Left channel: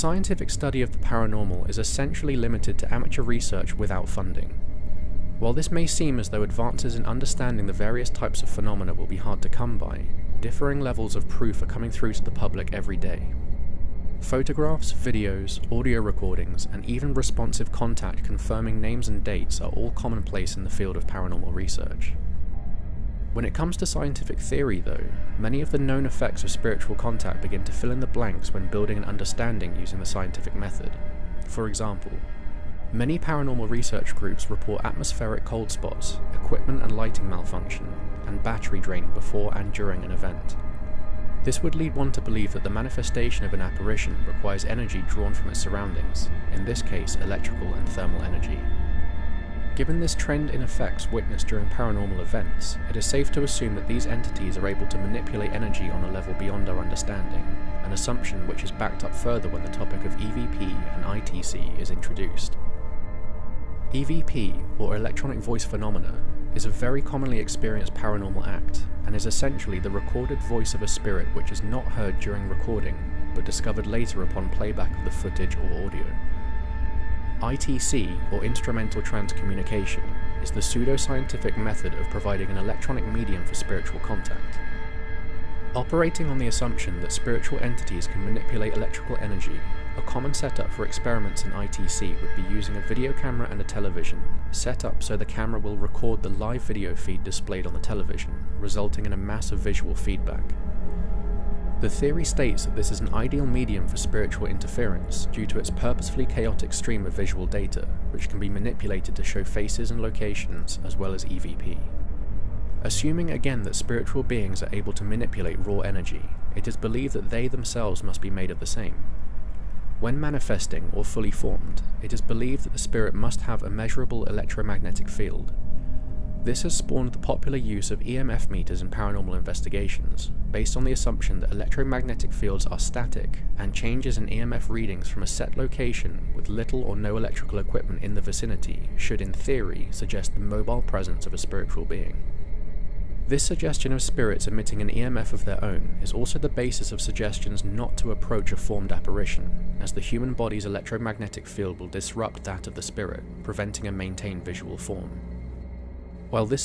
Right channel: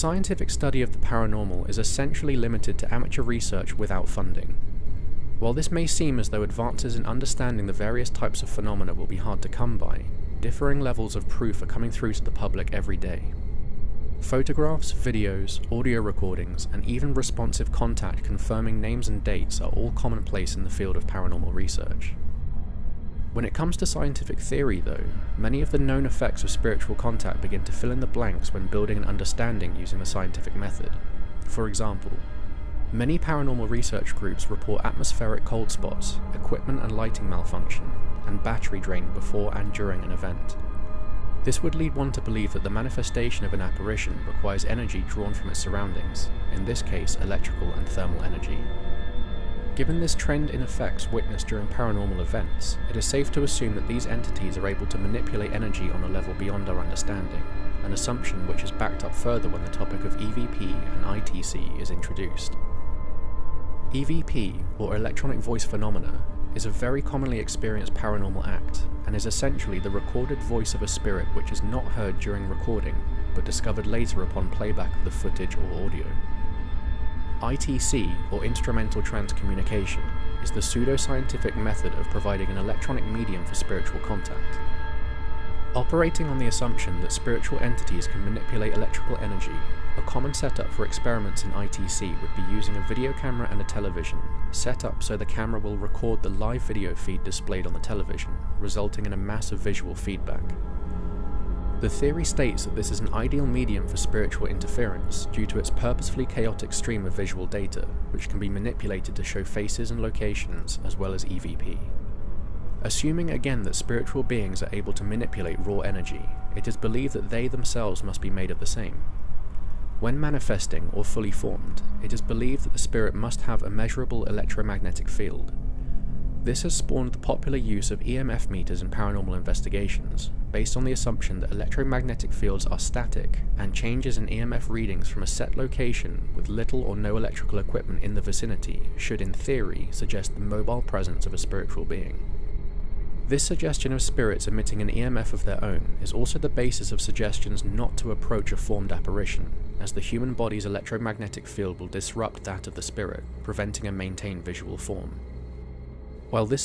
Scientific study of the paranormal is essentially limited to amateur research without funding. While this may seem as though advances in understanding the various types of phenomena will be hard to come by, differing levels of proof are coming through to the public every day. Photographs, videos, audio recordings, and even responsive contact confirming names and dates are all commonplace in the field of paranormal research. When it comes to scientific theory, though, many of the known effects of spiritual contact begin to fill in the blanks when building an understanding using the scientific method. For example, many paranormal research groups report atmospheric cold spots, equipment and lighting malfunction, and battery drain before and during an event. This would lead one to believe that the manifestation of an apparition requires energy drawn from its surroundings, in this case electrical and thermal energy. Given this trend in effects witnessed during paranormal events, it is safe to assume that these entities are able to manipulate energy on a level beyond our understanding, an assumption which is backed up further when the topic of EVP and ITC is introduced. EVP, or electronic voice phenomena, is a very commonly experienced paranormal act, and is essentially the recorded voice of a spirit which is not heard during recording, but discovered later upon playback of the footage or audio. ITC, or instrumental transcommunication, is the pseudo-scientific method of providing an electronic medium for spiritual contact. Operating on the assumption that spiritual entities can manipulate electrical energy, a common setup for experiments in ITC would be using a video camera and a television, set up so the camera will record the live video feed displayed on the television, resulting in a massive visual feedback. The theory states that this is an ideal medium for spiritual interference due to its purposefully chaotic stream of visual data, which can be manipulated to show faces and locations, as well as EVP. Assuming again that spiritual beings are able to manipulate raw energy, it is believed that they themselves must be made of the same. When manifesting or fully formed, it is believed that the spirit must have a measurable electromagnetic field. This has spawned the popular use of EMF meters in paranormal investigations, based on the assumption that electromagnetic fields are static, and changes in EMF readings from a set location with little or no electrical equipment in the vicinity should in theory suggest the mobile presence of a spiritual being. This suggestion of spirits emitting an EMF of their own is also the basis of suggestions not to approach a formed apparition, as the human body's electromagnetic field will disrupt that of the spirit, preventing a maintained visual form. While this